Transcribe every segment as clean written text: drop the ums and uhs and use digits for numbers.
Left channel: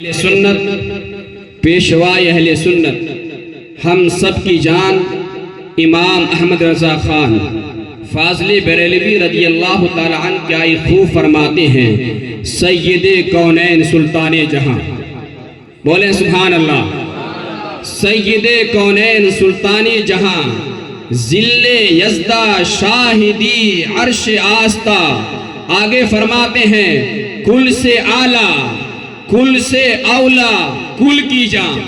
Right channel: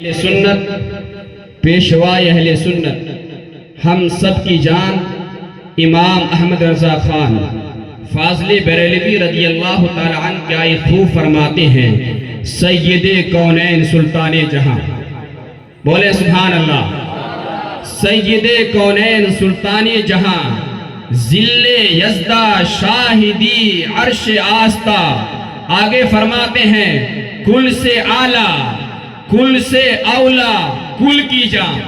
اہل سنت پیشوائے اہل سنت ہم سب کی جان امام احمد رضا خان فاضل بریلوی رضی اللہ تعالی عنہ کیا خوب فرماتے ہیں، سید کونین سلطان جہاں، بولے سبحان اللہ، سید کونین سلطان جہاں، ذل یزدہ شاہدی عرش آستہ۔ آگے فرماتے ہیں کل سے اعلیٰ، کل سے اولا، کل کی جان،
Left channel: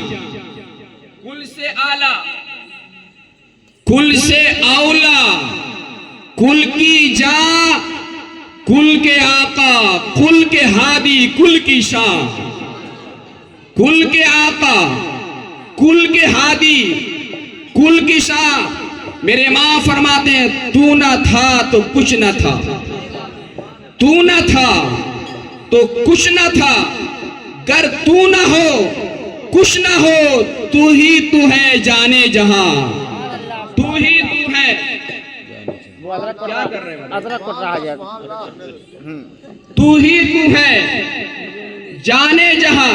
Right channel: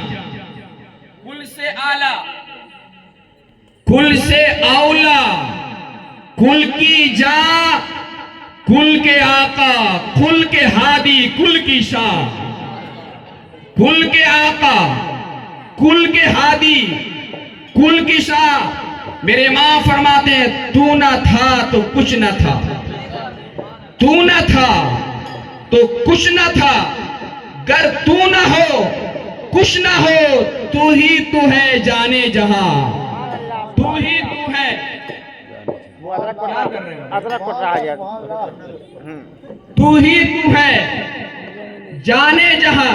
کل سے اعلیٰ، کل سے اولا، کل کی جان، کل کے آقا، کل کے ہادی، کل کی شان، کل کے آقا، کل کے ہادی، کل کی شان۔ میرے امام فرماتے ہیں تو نہ تھا تو کچھ نہ تھا، تو نہ تھا تو کچھ نہ تھا، گر تو نہ ہو کچھ نہ ہو، تو ہی تو ہے جانے جہاں، تو ہی تو ہے۔ کیا کر رہے ہیں؟ تو ہی تو ہے جانے جہاں۔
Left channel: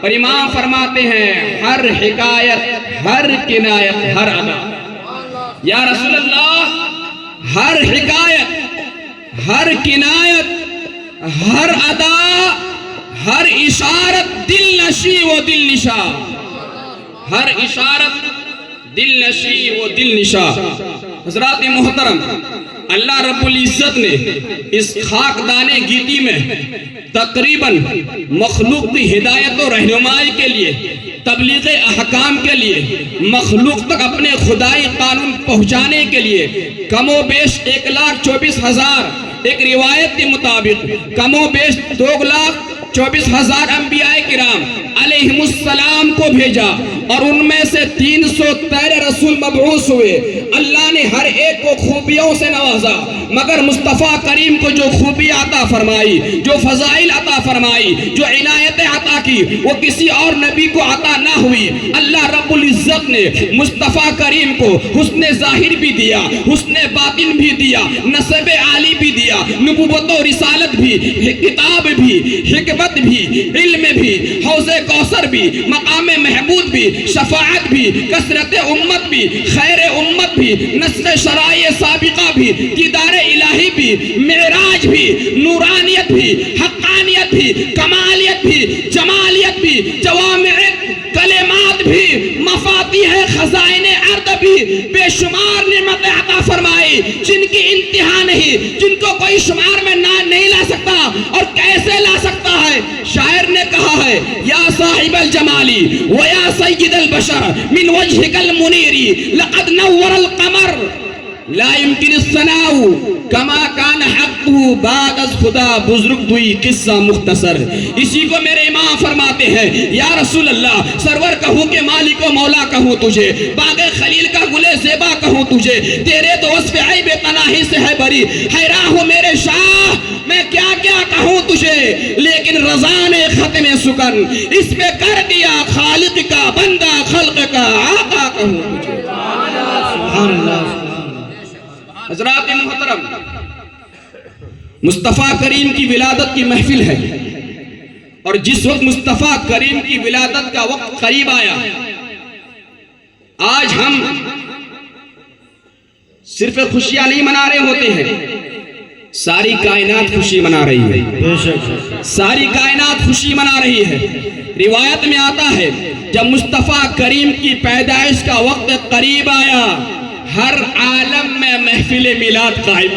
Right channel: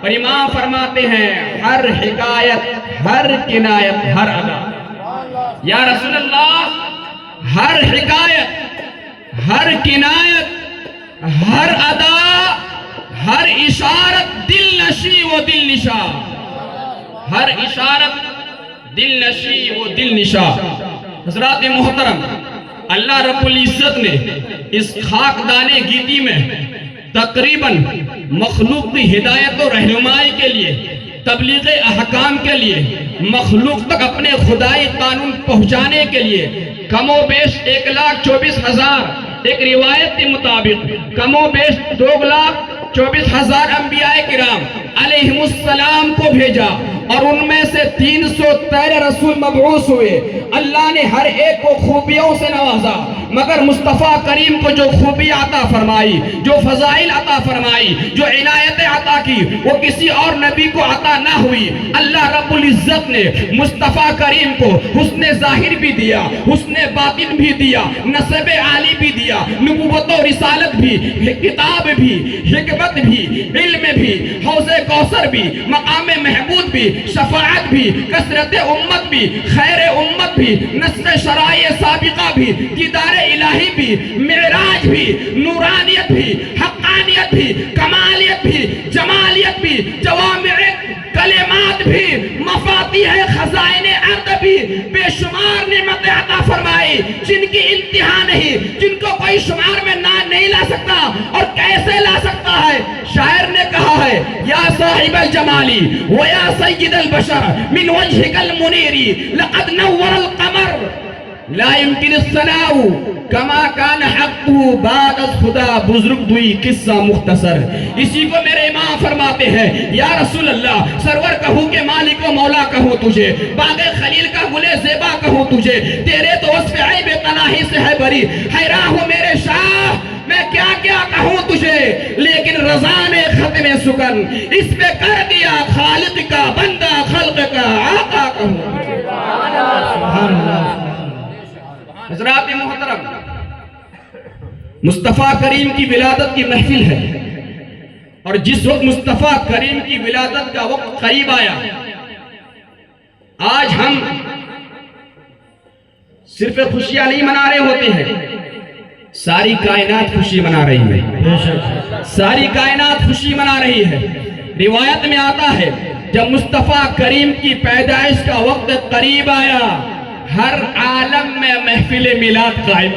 اور امام فرماتے ہیں ہر حکایت، ہر کنایت، ہر ادا، یا رسول اللہ، ہر حکایت، ہر کنایت، ہر ادا، ہر اشارت دل نشی و دل نشا، ہر اشارت دل نشی و دل نشا۔ حضرات محترم، اللہ رب العزت نے اس خاکدان گیتی میں تقریباً مخلوق کی ہدایت و رہنمائی کے لیے، تبلیغ احکام کے لیے، مخلوق تک اپنے خدائی قانون پہنچانے کے لیے کم و بیش 1,24,000، ایک روایت کے مطابق کم و بیش 2,24,000 انبیاء کرام علیہم السلام کو بھیجا، اور ان میں سے 313 رسول مبعوث ہوئے۔ اللہ نے ہر ایک کو خوبیوں سے نوازا، مگر مصطفیٰ کریم کو جو خوبی عطا فرمائی، جو فضائل عطا فرمائی، جو عنایت عطا کی، وہ کسی اور نبی کو عطا نہ ہوئی۔ اللہ رب العزت نے مصطفیٰ کریم کو حسن ظاہر بھی دیا، حسن باطن بھی دیا، نسب عالی بھی دیا، نبوت و رسالت بھی، کتاب بھی، حکمت بھی، علم بھی، حوض کوثر بھی، مقام محمود بھی، شفاعت بھی، کثرت امت بھی، خیر امت بھی، نصر شرائع سابقہ بھی، دیدار الہی بھی، معراج بھی، نورانیت بھی، حقانیت بھی، کمالیت بھی، جمالیت بھی، جوامع کلمات بھی، مفاتیح خزائن ارض بھی، بے شمار نعمت عطا فرمائی جن کی انتہا نہیں، جن کو کوئی شمار میں نہیں لا سکتا۔ اور کیسے لا سکتا ہے؟ شاعر نے کہا ہے یا صاحب الجمالی و یا سید البشر من وجهك المنیر لقد نور القمر لا يمكن الثناء کما کان حقه بعد از خدا۔ بزرگ دوئی قصہ مختصر۔ اسی کو میرے امام فرماتے ہیں یا رسول اللہ، سرور کہوں کہ مالک و مولا کہوں تجھے، باغ خلیل کا گلے زیبا کہوں تجھے، تیرے تو وصف عیب تناہی سے ہے بری، حیران ہوں میرے شاہ میں کیا کیا کہوں تجھے، لیکن رضا نے ختم سکن اس میں کر دیا، خالق کا بندہ خلق کا آقا کہوں تجھے۔ سبحان اللہ۔ حضرات محترم، مصطفیٰ کریم کی ولادت کی محفل ہے، اور جس وقت مصطفیٰ کریم کی ولادت کا وقت قریب آیا، آج ہم صرف خوشیاں نہیں منا رہے ہوتے ہیں، ساری کائنات خوشی منا رہی ہے، ساری کائنات خوشی منا رہی ہے۔ روایت میں آتا ہے جب مصطفیٰ کریم کی پیدائش کا وقت قریب آیا، ہر عالم میں محفل میلاد قائم،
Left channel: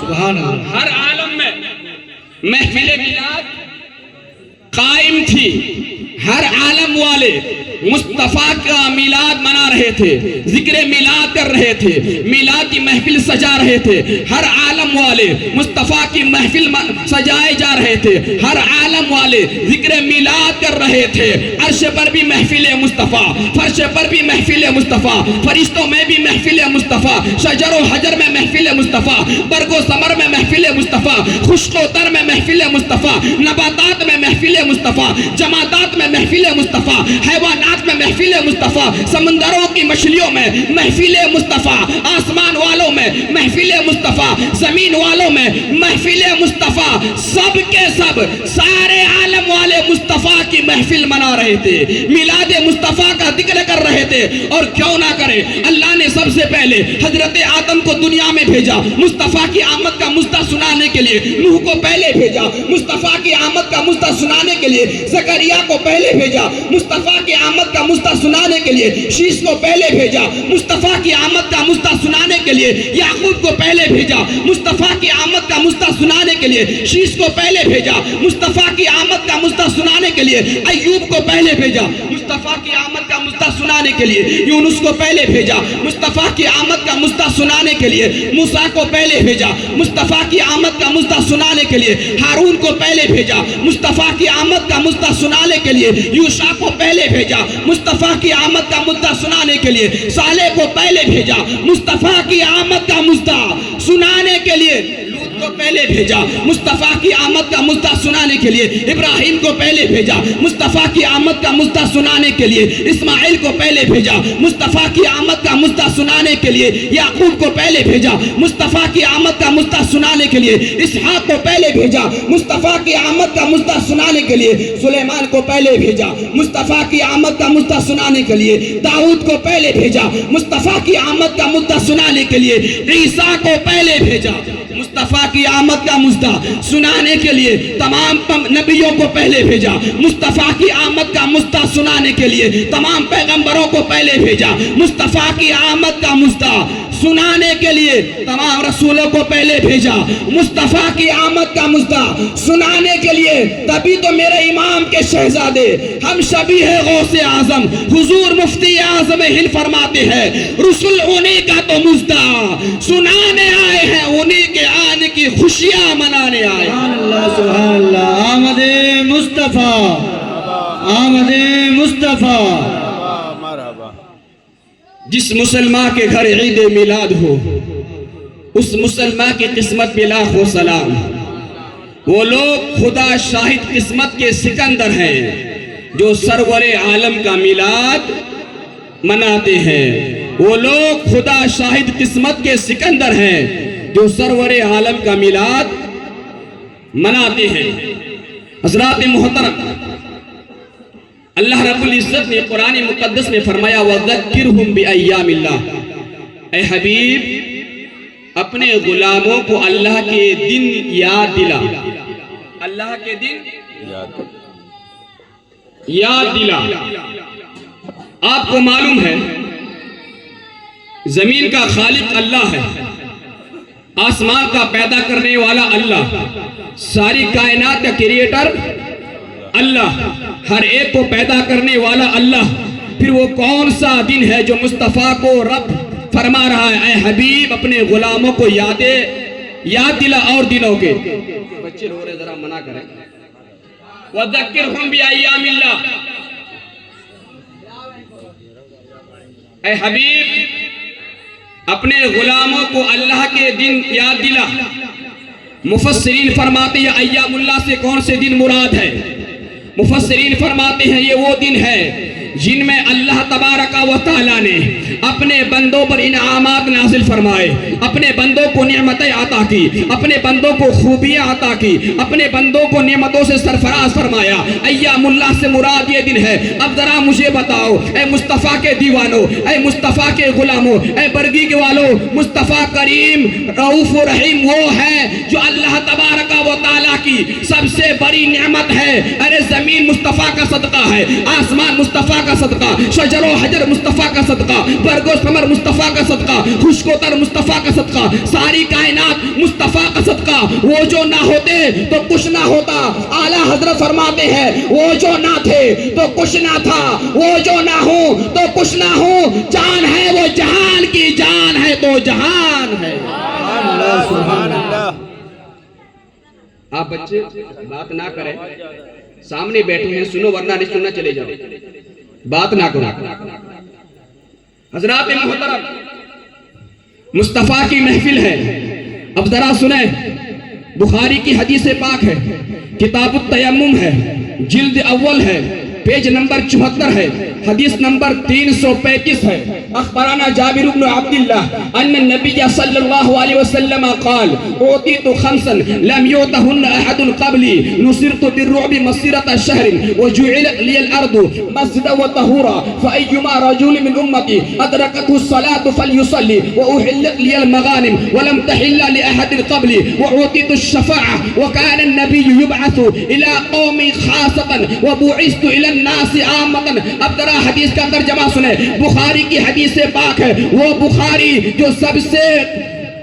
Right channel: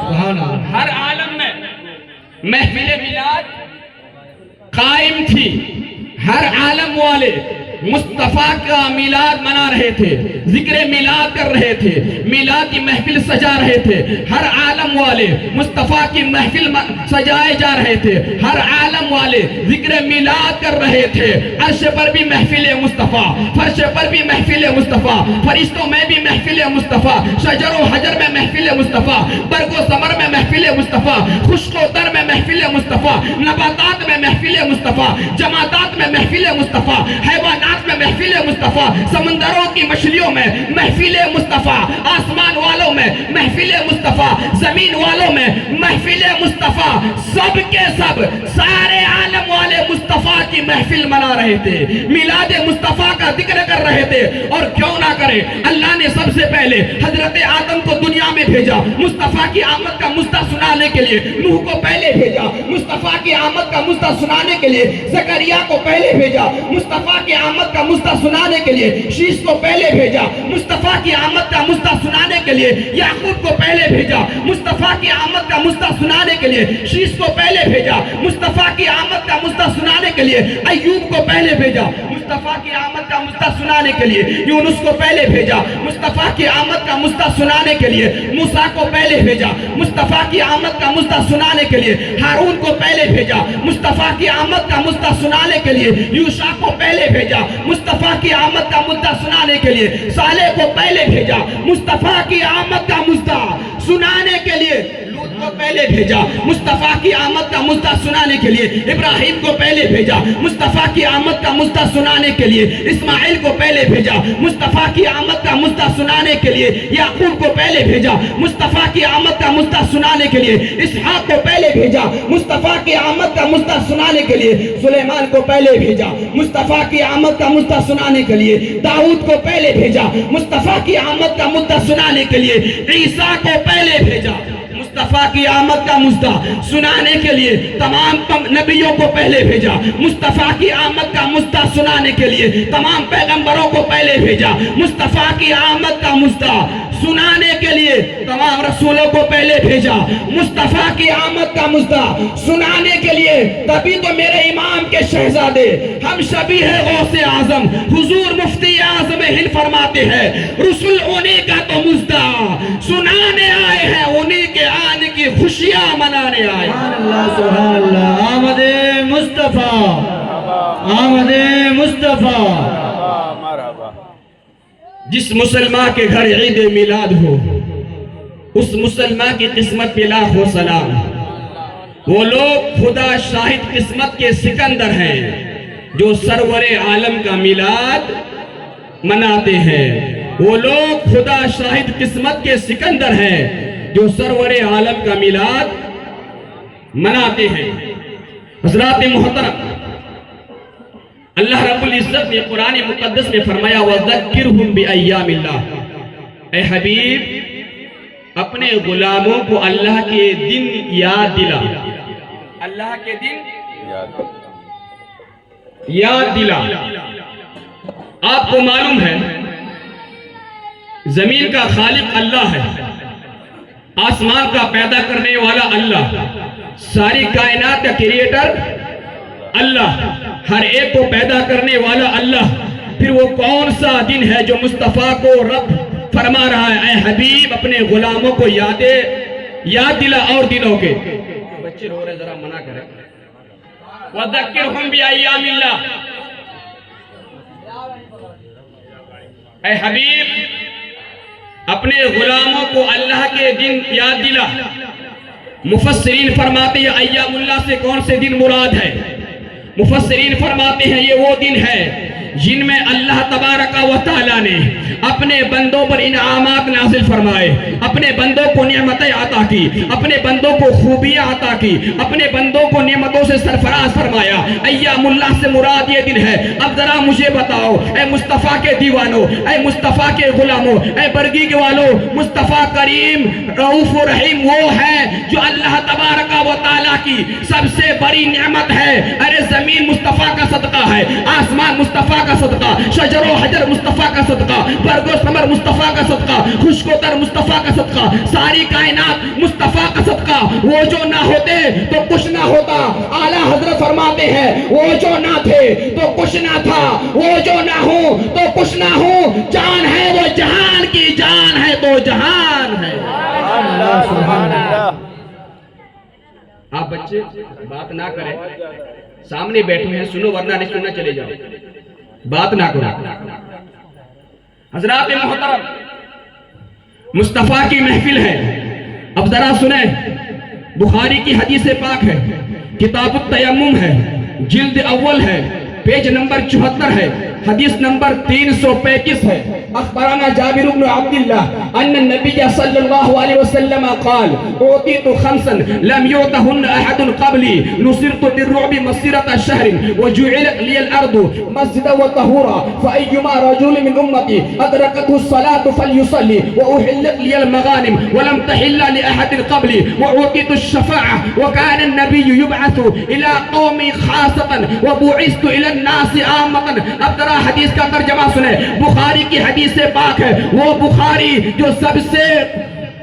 سبحان اللہ، ہر عالم میں محفل میلاد قائم تھی۔ ہر عالم والے مصطفیٰ کا میلاد منا رہے تھے، ذکر میلاد کر رہے تھے، میلاد کی محفل سجا رہے تھے۔ ہر عالم والے مصطفیٰ کی محفل سجائے جا رہے تھے، ہر عالم والے ذکر میلاد کر رہے تھے۔ عرش پر بھی محفل مصطفیٰ، فرش پر بھی محفل مصطفیٰ، فرشتوں میں بھی محفل مصطفیٰ، شجر و حجر میں محفل مصطفیٰ، برگ و ثمر میں محفل مصطفیٰ، خشک و تر میں محفل مصطفیٰ، نباتات میں محفل مصطفیٰ، جمادات میں محفل مصطفیٰ، حیوانات میں محفل مصطفیٰ، سمندروں کی مچھلیوں میں محفل مصطفیٰ، آسمان والوں میں محفل مصطفیٰ، زمین والوں میں محفل مصطفیٰ، سب کے سب سارے عالم والے مصطفیٰ کی محفل منا رہے تھے، میلاد مصطفیٰ کا ذکر کر رہے تھے۔ اور کیوں نہ کرے، اللہ نے سب سے پہلے حضرت آدم کو دنیا میں بھیجا مصطفیٰ کی آمد کا مستہ سنانے کے لیے، نوح کو پہلے بھیجا مصطفیٰ کی آمد کا مستہ سنانے کے لیے، زکریا کو پہلے بھیجا مصطفیٰ کی آمد کا مستہ سنانے کے لیے، شیش کو پہلے بھیجا مصطفیٰ کی آمد کا مستہ سنانے کے لیے، یعقوب کو پہلے بھیجا مصطفیٰ کی آمد کا مستہ سنانے کے لیے، شیش کو پہلے بھیجا مصطفیٰ کی آمد کا مستہ سنانے کے لیے، ایوب کو پہلے بھیجا مصطفیٰ کی آمد کا مستہ سنانے کے لیے، یونس کو پہلے بھیجا مصطفیٰ کی آمد کا مستہ سنانے کے لیے، موسیٰ کو پہلے بھیجا مصطفیٰ کی آمد کا مستہ سنانے کے لیے، ہارون کو پہلے بھیجا مصطفیٰ کی آمد کا مستہ سنانے کے لیے، یوشع کو پہلے بھیجا مصطفیٰ کی آمد کا مستہ سنانے کے لیے، صالح کو پہلے بھیجا مصطفیٰ کی آمد کا مستہ سنانے کے لیے، لوط کو پہلے بھیجا مصطفیٰ کی آمد کا مستہ سنانے کے لیے، ابراہیم کو پہلے بھیجا مصطفیٰ کی آمد کا مستہ سنانے کے لیے، اسماعیل کو پہلے بھیجا مصطفیٰ کی آمد کا مستہ سنانے کے لیے، یعقوب کو پہلے بھیجا مصطفیٰ کی آمد کا مستہ سنانے کے لیے، اسحاق کو پہلے بھیجا مصطفیٰ کی آمد کا مستہ سنانے کے لیے، سلیمان کو پہلے بھیجا مصطفیٰ کی آمد کا مستہ سنانے کے لیے، داؤد کو پہلے بھیجا مصطفیٰ کی آمد کا مستہ سنانے کے لیے، عیسیٰ کو پہلے بھیجا مصطفیٰ کی آمد کا مستہ سنانے کے لیے، تمام نبیوں کو پہلے بھیجا مصطفیٰ کی آمد کا مستہ سنانے کے لیے، تمام پیغمبروں کو پہلے بھیجا مصطفیٰ کی آمد کا مستہ سنانے کے لیے، تمام رسولوں کو پہلے بھیجا مصطفیٰ کی آمد کا مستہ سنانے کے لیے۔ تبھی تو میرے امام کے شہزادے ہم شبیہ غوث اعظم حضور مفتی اعظم ہند فرماتے ہیں، رسول انہی کا تو مستہ سنانے آئے ہیں، انہی کے آنے کی خوشیاں منانے آئے ہیں۔ سبحان اللہ سبحان اللہ، آمد مصطفیٰ آمد مصطفیٰ۔ جس مسلمان کے گھر عید میلاد ہو، اس مسلمان کی قسمت پہ لاکھوں سلام۔ وہ لوگ خدا شاہد قسمت کے سکندر ہیں جو سرور عالم کا میلاد مناتے ہیں۔ وہ لوگ خدا شاہد قسمت کے سکندر ہیں جو سرور عالم کا میلاد مناتے ہیں۔ حضرات محترم، اللہ رب العزت نے قرآن مقدس میں فرمایا وَذَكِّرْهُمْ بِأَيَّامِ اللَّهِ، اے حبیب اپنے غلاموں کو اللہ کے دن یاد دلا، اللہ کے دن یاد دلا۔ آپ کو معلوم ہے زمین کا خالق اللہ ہے، آسمان کا پیدا کرنے والا اللہ، ساری کائنات کا کریٹر اللہ، ہر ایک کو پیدا کرنے والا اللہ۔ پھر وہ کون سا دن ہے جو مصطفیٰ کو رب فرما رہا ہے اے حبیب اپنے غلاموں کو یاد دلا اور دلوں کے۔ بچے رو رہے ذرا منع کریں۔ وَذَكِّرْهُمْ بِأَيَّامِ اللَّهِ، اے حبیب اپنے غلاموں کو اللہ کے دن یاد دلا۔ مفسرین فرماتے ہیں ایام اللہ سے کون سے دن مراد ہے؟ مفسرین فرماتے ہیں یہ وہ دن ہے جن میں اللہ تبارک و تعالیٰ نے اپنے بندوں پر انعامات نازل فرمائے، اپنے بندوں کو نعمتیں عطا کی، اپنے بندوں کو خوبیاں عطا کی، اپنے بندوں کو نعمتوں سے سرفراز فرمایا۔ ایام اللہ سے مراد یہ دن ہے۔ اب ذرا مجھے بتاؤ اے مصطفیٰ کے دیوانوں، اے مصطفیٰ کے غلاموں، اے برگی کے والوں، مصطفیٰ کریم رؤوف و رحیم وہ ہے جو اللہ تبارک و تعالیٰ کی سب سے بڑی نعمت ہے۔ ارے زمین مصطفیٰ کا صدقہ ہے، آسمان مصطفیٰ کا صدقہ، شجر و حجر مصطفیٰ کا صدقہ، برگ و ثمر مصطفیٰ کا صدقہ، خشک و تر مصطفیٰ کا صدقہ، ساری کائنات مصطفیٰ کا صدقہ۔ وہ جو نہ ہوتے تو کچھ نہ ہوتا۔ اعلیٰ حضرت فرماتے ہیں وہ جو نہ تھے تو کچھ نہ تھا، وہ جو نہ ہو تو کچھ نہ ہو، جان ہے وہ جہان کی جان ہے تو جہان ہے۔ سبحان اللہ۔ آپ بچے بات نہ کریں، سامنے بیٹھے ہیں سنو ورنہ نہیں سننا چلے جاؤ، بات نہ کرو۔ حضرات محترم مصطفیٰ کی محفل ہے۔ اب ذرا سنیں، بخاری کی حدیث پاک ہے، کتاب التیمم ہے، جلد اول ہے، پیج نمبر 74 ہے۔ حدیث نمبر 335 ہے. اخبرنا جابر بن عبد الله ان النبي صلى الله عليه وسلم قال اعطيت خمسا لم يعطهن احد قبلي نصرت بالرعب مسيرة شهر وجعلت لي الارض مسجدا وطهورا فايما رجل من امتي ادركته الصلاة فليصلي واحلت لي المغانم ولم تحل لاحد قبلي واعطيت الشفاعة وكان النبي يبعث الى قومي خاصة وبعثت الى الناس عامة. اب ذرا حدیث کا ترجمہ سنیں. بخاری کی حدیث پاک ہے، وہ بخاری جو سب سے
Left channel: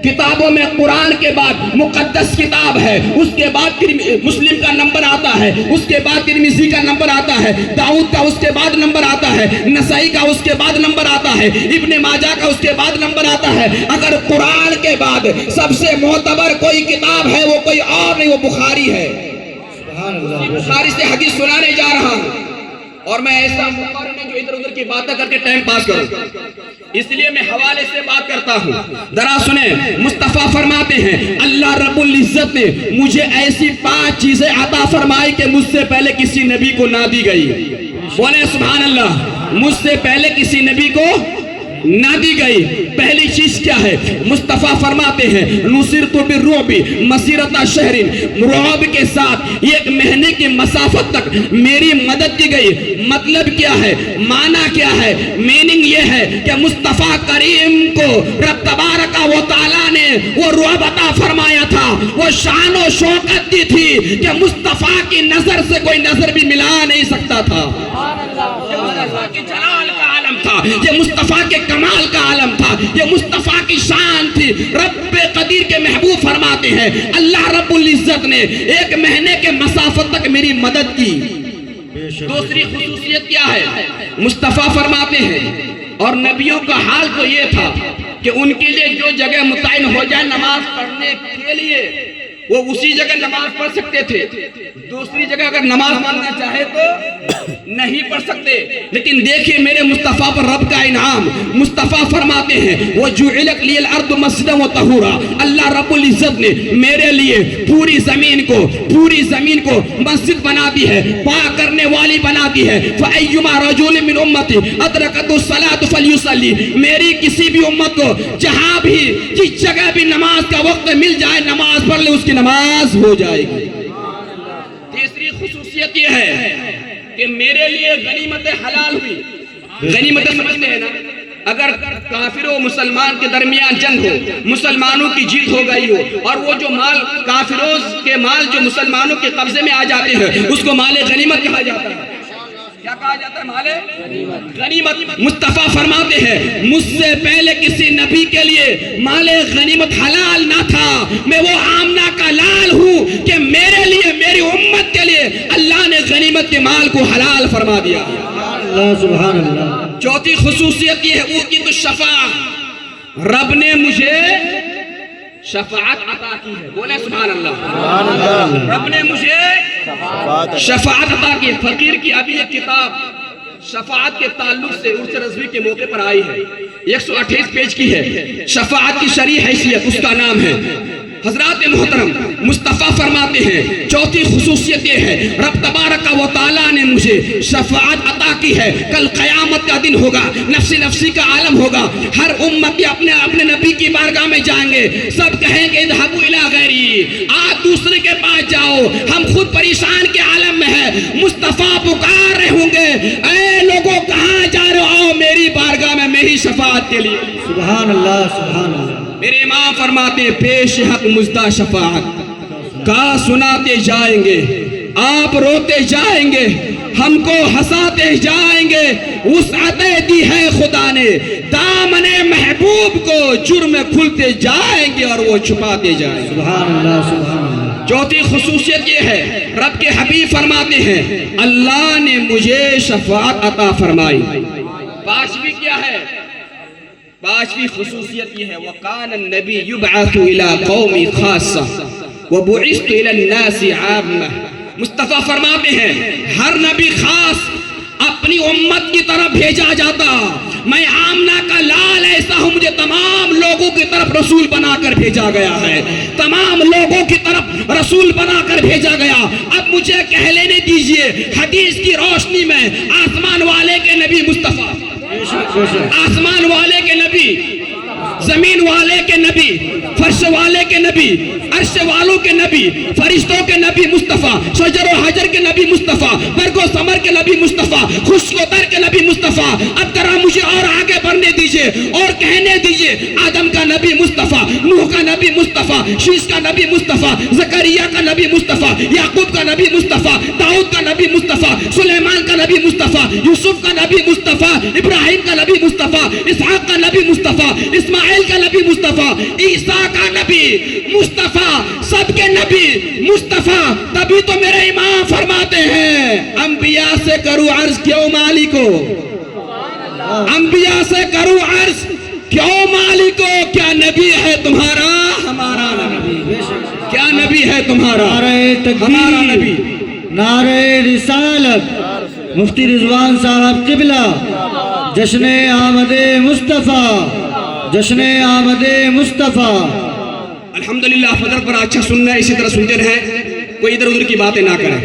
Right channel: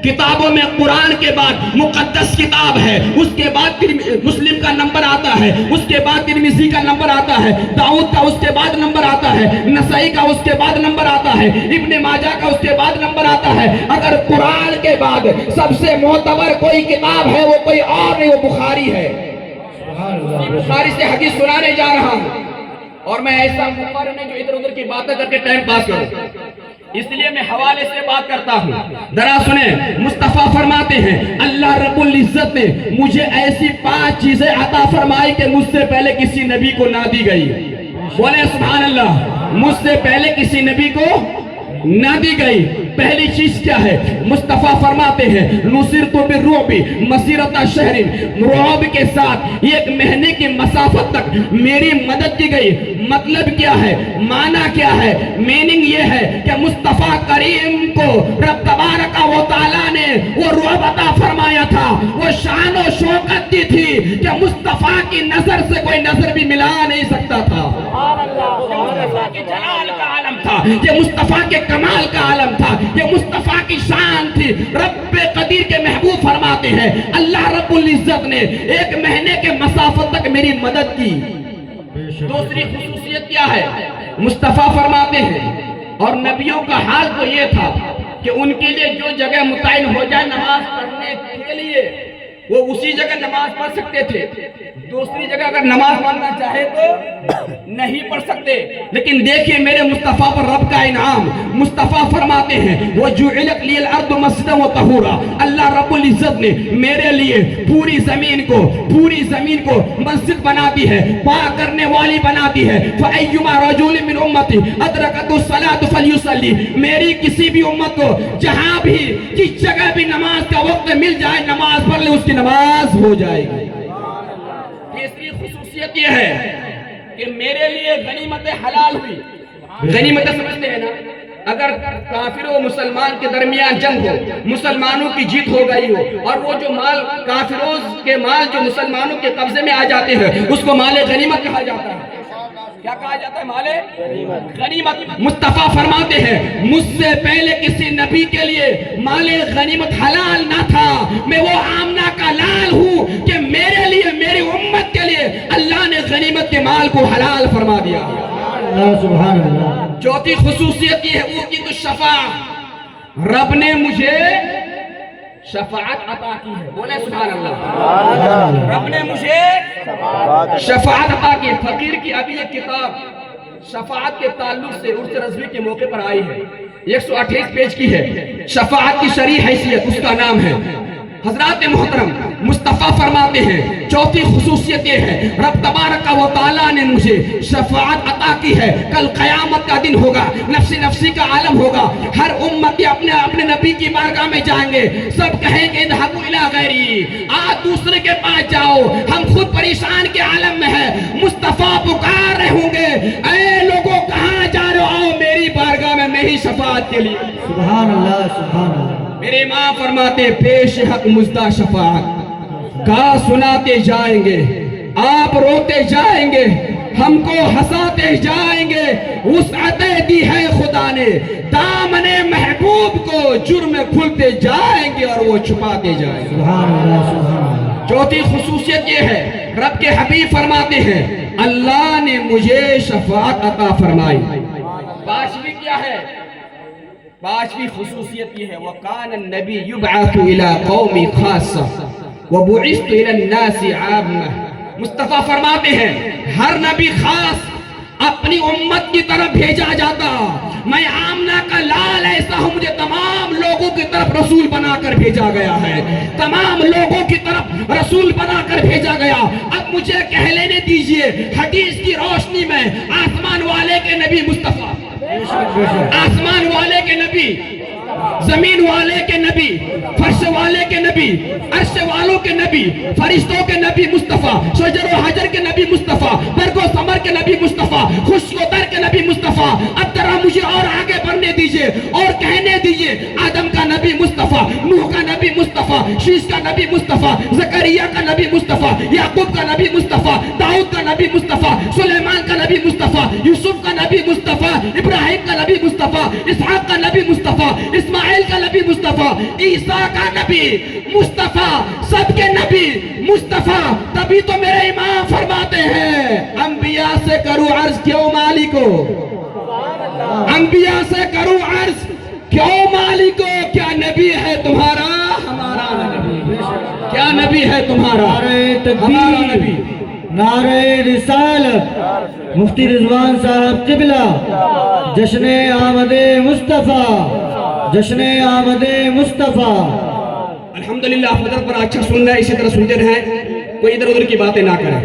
کتابوں میں قرآن کے بعد مقدس کتاب ہے، اس کے بعد مسلم کا نمبر آتا ہے، اس کے بعد ترمذی کا نمبر آتا ہے، داؤد کا اس کے بعد نمبر آتا ہے، نسائی کا اس کے بعد نمبر آتا ہے، ابن ماجہ کا اس کے بعد نمبر آتا ہے. اگر قرآن کے بعد سب سے معتبر کوئی کتاب ہے وہ کوئی اور نہیں، وہ بخاری ہے. بخاری سے حدیث سنانے جا رہا ہوں اور میں ایسا مقرر نہیں جو ادھر ادھر کی باتیں کر کے ٹائم پاس کروں، اس لیے میں حوالے سے بات کرتا ہوں. ذرا سنیں. مصطفیٰ فرماتے ہیں اللہ رب العزت نے مجھے ایسی 5 چیزیں عطا فرمائی کہ مجھ سے پہلے کسی نبی کو نہ دی گئی. بولے سبحان اللہ. مجھ سے پہلے کسی نبی کو نہ دی گئی. پہلی چیز کیا ہے؟ مصطفیٰ فرماتے ہیں نصرت بالرعب مسیرۃ شہر، رعب کے ساتھ 1 مہینے کی مسافت تک میری مدد کی گئی. مطلب کیا ہے؟ معنی کیا ہے؟ میننگ یہ ہے کہ مصطفیٰ کریم کو رب تبارک و تعالیٰ نے وہ رعب عطا فرمایا تھا، وہ شان و شوکت دی تھی کہ مصطفیٰ کی نظر سے کوئی نظر بھی ملا نہیں سکتا تھا. مصطفیٰ کی جلال کا عالم تھا، یہ مصطفیٰ کے کمال کا عالم تھا، یہ مصطفیٰ کی شان تھی. رب قدیر کے محبوب فرماتے ہیں اللہ رب العزت نے 1 مہینے کے مسافت تک میری مدد کی. دوسری خصوصیت کیا ہے؟ مصطفیٰ فرماتے ہیں اور نبیوں کا حال تو یہ تھا کہ ان کے لیے جو جگہ متعین ہو جائے نماز پڑھنے کے لیے وہ اسی جگہ نماز پڑھ سکتے تھے. دوسری جگہ اگر نماز پڑھنا چاہے تو نہیں پڑھ سکتے. لیکن دیکھیں میرے مصطفیٰ پر رب کا انعام. مصطفیٰ فرماتے ہیں وَجُعِلَتْ لِيَ الْأَرْضُ مَسْجِدًا وَطَهُورًا، اللہ رب العزت نے میرے لیے پوری زمین کو مسجد بنا دی ہے، پاک کرنے والی بنا دی ہے. فَأَيُّمَا رَجُلٍ مِّنْ أُمَّتِي أَدْرَكَتْهُ الصَّلَاةُ فَلْيُصَلِّ، میری کسی بھی امت کو جہاں بھی جس جگہ بھی نماز کا وقت مل جائے نماز پڑھ لے، اس کی نماز ہو جائے گی. تیسری خصوصیت یہ ہے کہ میرے لیے غنیمت حلال ہوئی. غنیمت سمجھتے ہیں نا؟ اگر کافر و مسلمان کے درمیان جنگ ہو، مسلمانوں کی جیت ہو گئی ہو اور وہ جو مال کافروں کے مال جو مسلمانوں کے قبضے میں آ جاتے ہیں اس کو مال غنیمت کہا جاتا ہے. کیا کہا جاتا ہے؟ مال غنیمت. مصطفیٰ فرماتے ہیں مجھ سے پہلے کسی نبی کے لیے مال غنیمت حلال نہ تھا. میں وہ آمنہ کا لال ہوں کہ میرے لیے میری امت کے لیے اللہ نے غنیمت کے مال کو حلال فرما دیا. سبحان اللہ. چوتھی خصوصیت یہ ہے وہ کی تو شفاعت، رب نے مجھے شفاعت عطا کی ہے. بولے سبحان اللہ. رب نے مجھے شفاعت عطا کی. فقیر کی ابھی ایک کتاب شفاعت کے تعلق سے عرس رضوی کے موقع پر آئی ہے، 128 پیج کی ہے. شفاعت کی شرعی حیثیت اس کا نام ہے. حضرات محترم مصطفیٰ فرماتے ہیں چوتھی خصوصیت یہ ہے رب تبارک و تعالیٰ نے مجھے شفاعت عطا کی ہے. کل قیامت کا دن ہوگا، نفسی نفسی کا عالم ہوگا، ہر امتی اپنے اپنے نبی کی بارگاہ میں جائیں گے. سب کہیں گے اذهبوا الی غیری، آپ دوسرے کے پاس جاؤ، ہم خود پریشان کے عالم میں ہیں. مصطفیٰ پکار رہے ہوں گے اے لوگوں کہاں جا رہے ہو، آؤ میری بارگاہ میں، میں ہی شفاعت کے لیے. سبحان اللہ سبحان اللہ. میرے امام فرماتے پیش حق مزدہ شفاعت کا سناتے جائیں گے، آپ روتے جائیں گے، ہم کو ہنساتے جائیں گے. وسعت دی ہے خدا نے دامن محبوب کو، جرم کھلتے جائیں گے اور وہ چھپاتے جائیں گے. سبحان اللہ سبحان اللہ. چوتھی خصوصیت یہ ہے رب کے حبیب فرماتے ہیں اللہ نے مجھے شفاعت عطا فرمائی. پانچویں کیا ہے؟ پانچویں خصوصیت یہ ہے وَقَانَ النَّبِي يُبْعَثُ إِلَىٰ قَوْمِ خَاصَّةً وَبُعِثْتُ إِلَى النَّاسِ عَامَّةً. مصطفیٰ فرماتے ہیں ہر نبی خاص اپنی امت کی طرف بھیجا جاتا. میں آمنہ کا لال ایسا ہوں، مجھے تمام لوگوں کی طرف رسول بنا کر بھیجا گیا ہے، تمام لوگوں کی طرف رسول بنا کر بھیجا گیا. اب مجھے کہہ لینے دیجئے حدیث کی روشنی میں آسمان والے کے نبی مصطفیٰ، بے شک بے شک آسمان والے کے نبی، زمین والے کے نبی، فرش والے کے نبی، عرش والوں کے نبی، فرشتوں کے نبی مصطفیٰ، شجر و حجر کے نبی مصطفیٰ، برگ و ثمر کے نبی مصطفیٰ، خشک و تر کے نبی مصطفیٰ. اب ذرا مجھے اور آگے بڑھنے دیجئے اور کہنے دیجئے. آدم کا نبی مصطفیٰ، نوح کا نبی مصطفیٰ، شیش کا نبی مصطفیٰ، زکریا کا نبی مصطفیٰ، یعقوب کا نبی مصطفیٰ، داؤد کا نبی مصطفیٰ، سلیمان کا نبی مصطفیٰ، یوسف کا نبی مصطفیٰ، ابراہیم کا نبی مصطفیٰ، اسحاق کا نبی مصطفیٰ، اسماعیل کا نبی مصطفیٰ، عیسیٰ کا نبی مصطفیٰ، سب کے نبی مصطفیٰ. تبھی تو میرے امام فرماتے ہیں انبیاء سے کرو عرض کیوں مالکو، انبیاء سے کرو عرض کیوں مالکو. کیا نبی ہے تمہارا ہمارا نبی؟ کیا نبی ہے تمہارا نعرہ ہمارا نبی؟ تکبیر، نعرہ رسالت، مفتی رضوان صاحب قبلہ، جشن آمد مصطفیٰ، جشن آمد مصطفیٰ. الحمدللہ فجر پر اچھا سننا ہے، اسی طرح سنتے رہیں، کوئی ادھر ادھر کی باتیں نہ کریں.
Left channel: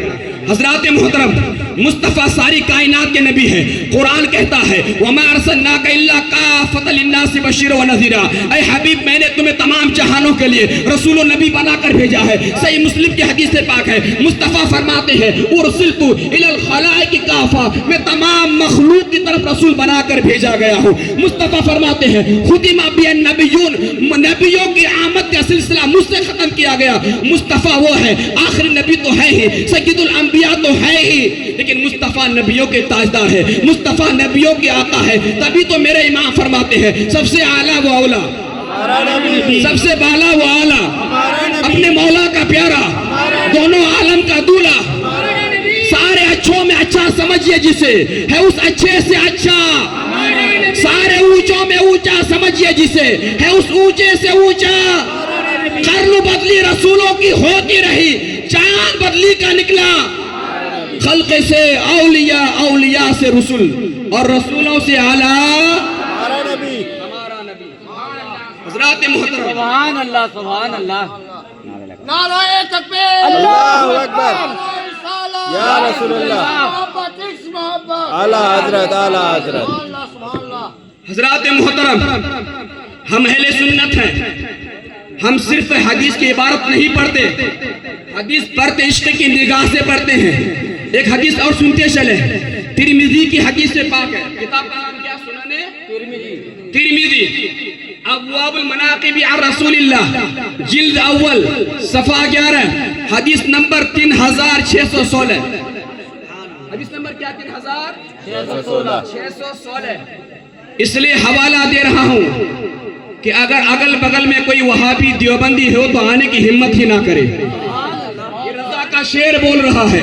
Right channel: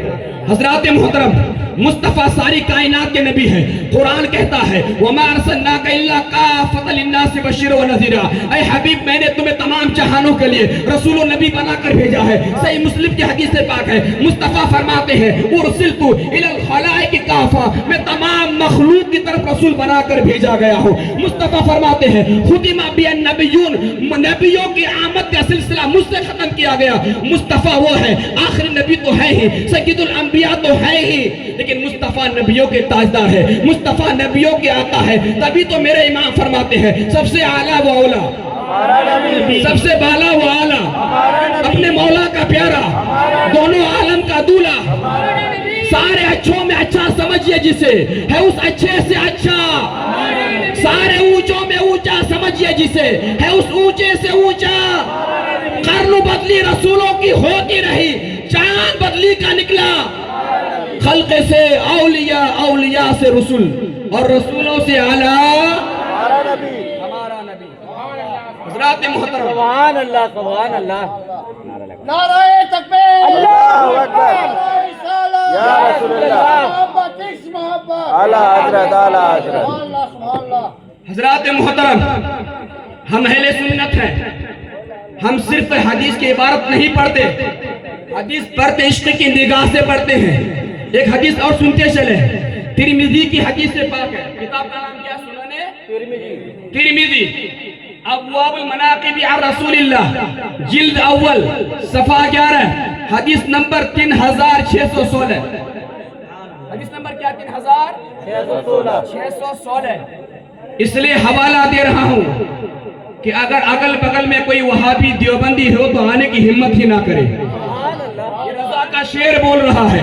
حضرات محترم، مصطفیٰ ساری کائنات کے نبی ہے. قرآن کہتا ہے وَمَا أَرْسَلْنَاكَ إِلَّا كَافَّةً لِلنَّاسِ بَشِيرًا وَنَذِيرًا. اے حبیب میں نے تمہیں تمام جہانوں کے لیے رسول و نبی بنا کر بھیجا ہے. صحیح مسلم کی حدیث پاک ہے، مصطفیٰ فرماتے ہیں اُرْسِلْتُ إِلَى الْخَلَائِقِ كَافَّةً، میں تمام مخلوق کی طرف رسول بنا کر بھیجا گیا ہوں. مصطفیٰ فرماتے ہیں خُتِمَ بِي النَّبِيُّونَ، نبیوں کی آمد کا سلسلہ مجھ سے ختم کیا گیا. مصطفیٰ وہ ہے، آخری نبی تو ہے ہی، سید الانبیاء تو ہے ہی، لیکن مصطفیٰ نبیوں کے تاجدار ہے، مصطفیٰ نبیوں کے آقا ہے. تبھی تو میرے امام فرماتے ہیں سب سے اعلیٰ و اولا، سب سے بالا و اعلیٰ، اپنے مولا کا پیارا، دونوں عالم کا دولہ، سارے اچھوں میں اچھا سمجھئے جسے، ہے اس اچھے سے اچھا، سارے اونچوں میں اونچا سمجھئے جسے، ہے اس اونچے سے اونچا. قرن بدلی رسولوں کی ہوتی رہی، چاند بدلی کا نکلا. خلق سے اولیاء، اولیاء سے رسول، اور رسولوں سے اعلیٰ ہمارا نبی. حضرات محترم، سبحان اللہ سبحان اللہ. نعرہ تکبیر، اللہ اکبر، یا رسول اللہ، محبت عشق محبت، اعلیٰ حضرت، اعلیٰ حضرت. سبحان اللہ سبحان اللہ. حضرات محترم، ہم اہل سنت ہیں. ہم صرف حدیث کی عبارت نہیں پڑھتے، حدیث پڑھتے عشق کی نگاہ سے پڑھتے ہیں. ایک حدیث اور سنتے چلے، ترمذی کی حدیث سے پاک ہے. کتاب کا نام کیا سننے؟ ترمذی، ابواب المناقب عن رسول اللہ، جلد اول، صفحہ 11، حدیث نمبر 3616. حدیث نمبر کیا؟ 3616. اس لیے حوالہ دے رہا ہوں کہ اگر اگل بغل میں کوئی وہابی دیوبندی ہو تو آنے کی ہمت ہی نہ کرے. یہ رضا کا شعر بول رہا ہے،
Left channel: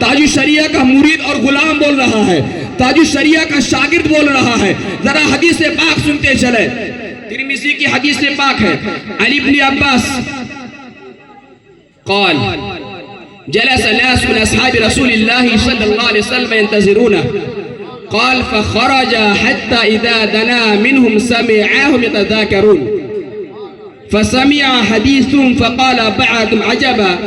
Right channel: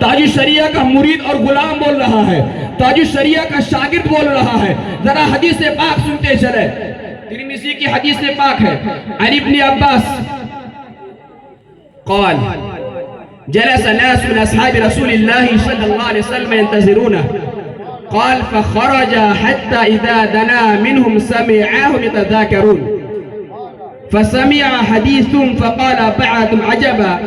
تاج الشریعہ کا مرید اور غلام بول رہا ہے، تاج الشریعہ کا شاگرد بول رہا ہے. ذرا حدیث پاک سنتے چلے. ترمذی کی حدیث پاک ہے، علی بن عباس قال جلس ناس من اصحاب رسول الله صلى الله عليه وسلم ينتظرونه، قال فخرج حتى إذا دنا منهم سمعهم يتذاكرون، فسمع حديثهم فقال بعضهم عجبا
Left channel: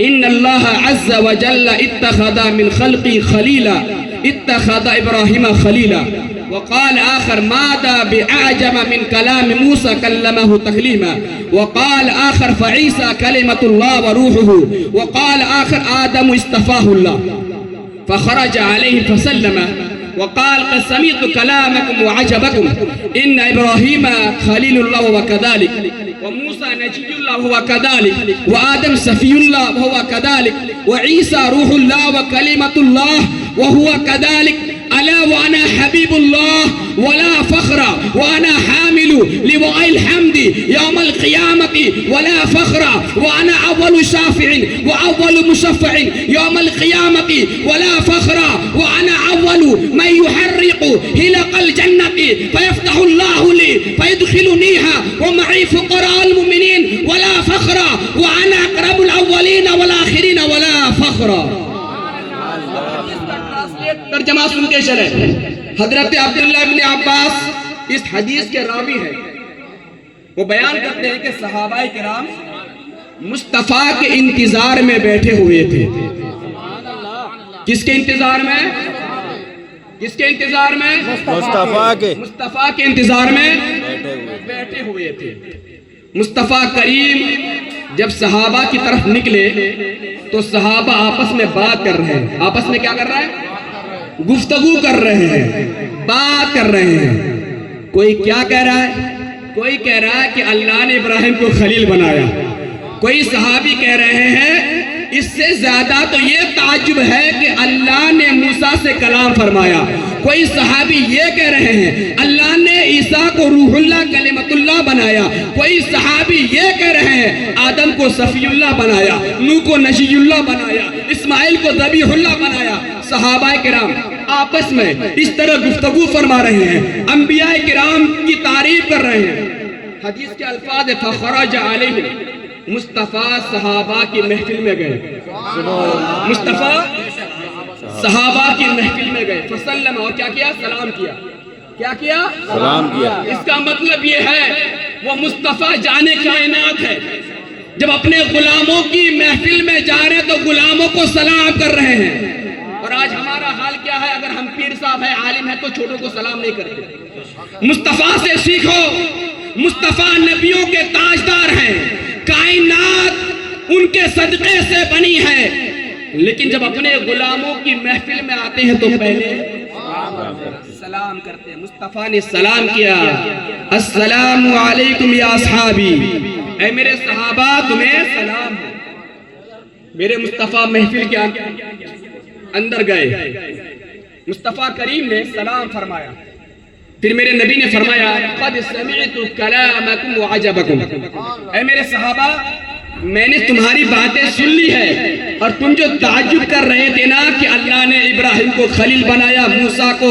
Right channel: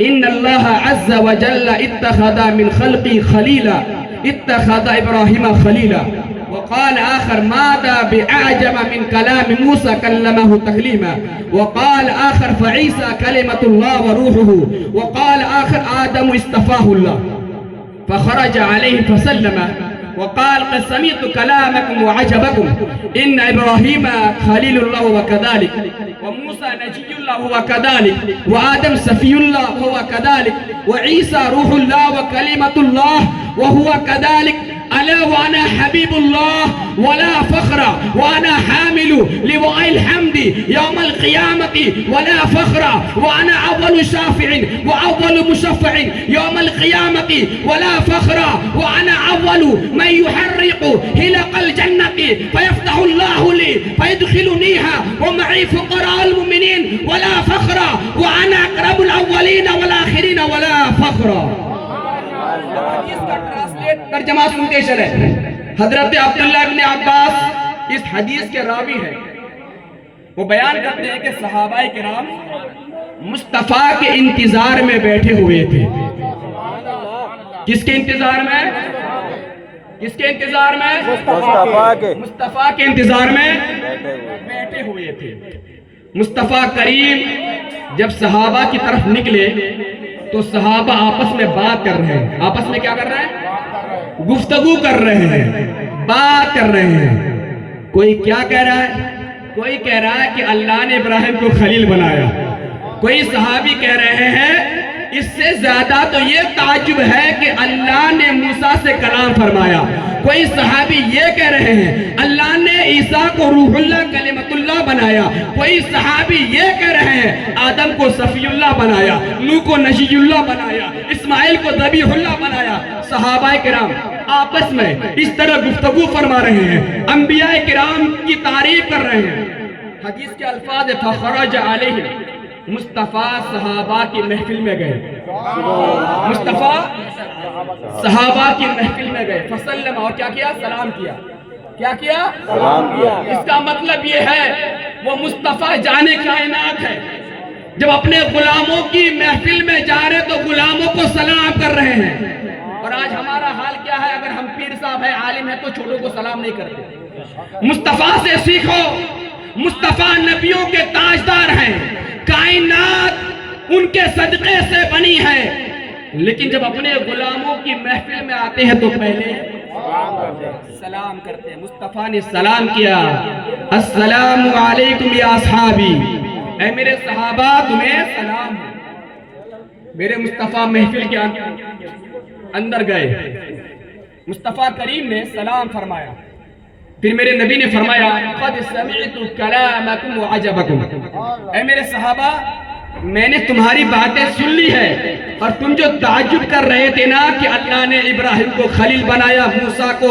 إن الله عز وجل اتخذ من خلقي خليلا، اتخذ إبراهيم خليلا. وقال آخر ماذا بأعجب من كلام موسى كلمه تكليما. وقال آخر فعيسى كلمة الله وروحه. وقال آخر آدم اصطفاه الله. فخرج عليه فسلم وقال قد سمعت كلامكم وعجبكم، إن إبراهيم خليل الله وكذلك، وموسى نجي الله وكذلك، وآدم سفي الله وهو كذلك، وعيسى روح الله وكلمة الله وهو كذلك. ألا وأنا حبيب الله ولا فخر، وأنا حامل لواء الحمد يوم القيامة ولا فخر، وأنا أول شافع وأول مشفع يوم القيامة ولا فخر، وأنا أول من يحرق هلق الجنة فيفتح الله لي فيدخلنيها ومعي فقراء المؤمنين ولا فخر، وأنا أقرب الأولين والآخرين ولا فخر. ترجمہ سنتے چلے. حضرت عبداللہ بن عباس اس حدیث کے راوی ہیں. وہ بیان کرتے ہیں کہ صحابہ کرام مصطفیٰ کے انتظار میں بیٹھے ہوئے تھے. کس کے انتظار میں؟ کس کے انتظار میں؟ مصطفیٰ کے مصطفیٰ کے انتظار میں بیٹھے ہوئے بیٹھے ہوئے تھے۔ مصطفیٰ کریم جب صحابہ کی طرف نکلے تو صحابہ آپس میں بات کر رہے ہیں۔ آپس میں کیا کر رہے ہیں؟ گفتگو کر رہے ہیں، بات کر رہے ہیں۔ کوئی کیا کہہ رہا ہے؟ کوئی کہہ رہا ہے کہ اللہ نے ابراہیم کو خلیل بنایا۔ کوئی صحابی کہہ رہے ہیں اس سے زیادہ تو یہ تعجب ہے کہ اللہ نے موسیٰ سے کلام فرمایا۔ کوئی صحابی یہ کہہ رہے ہیں اللہ نے عیسیٰ کو روح اللہ کلمت اللہ بنایا۔ کوئی صحابی یہ کہہ رہے ہیں آدم کو صفی اللہ بنایا، نوح کو نجی اللہ بنایا، اسماعیل کو ذبیح اللہ بنایا۔ صحابہ کرام آپس میں اس طرح گفتگو فرما رہے ہیں، انبیاء کرام کی تعریف کر رہے ہیں۔ حدیث کے الفاظ فخرج علیہم، مصطفیٰ صحابہ کی محفل میں گئے۔ مصطفیٰ صحابہ کی محفل میں گئے، فسلم، اور کیا کیا؟ سلام کیا۔ کیا کیا؟ سلام کیا۔ اس کا مطلب یہ ہے وہ مصطفیٰ جانے کائنات ہے۔ جب اپنے غلاموں کی محفل میں جا رہے تو غلاموں کو سلام کر رہے ہیں۔ اور آج ہمارا حال کیا ہے؟ اگر ہم پیر صاحب ہے، عالم ہے تو چھوٹوں کو سلام نہیں کرتے۔ مصطفیٰ سے سیکھو، مصطفیٰ نبیوں کے تاجدار ہیں، کائنات ان کے صدقے سے بنی ہے، لیکن جب اپنے غلاموں کی محفل میں آتے ہیں تو پہلے سلام کرتے ہیں۔ مصطفیٰ نے سلام کیا، السلام علیکم یا اصحابی، اے میرے صحابہ تمہیں سلام ہے۔ میرے مصطفیٰ محفل کے اندر گئے، مصطفیٰ کریم نے سلام فرمایا، پھر میرے نبی نے فرمایا قد سمعت کلامکم وعجبکم، اے میرے صحابہ میں نے تمہاری باتیں سن لی ہے، اور تم جو تعجب کر رہے تھے نا کہ اللہ نے ابراہیم کو خلیل بنایا، موسیٰ کو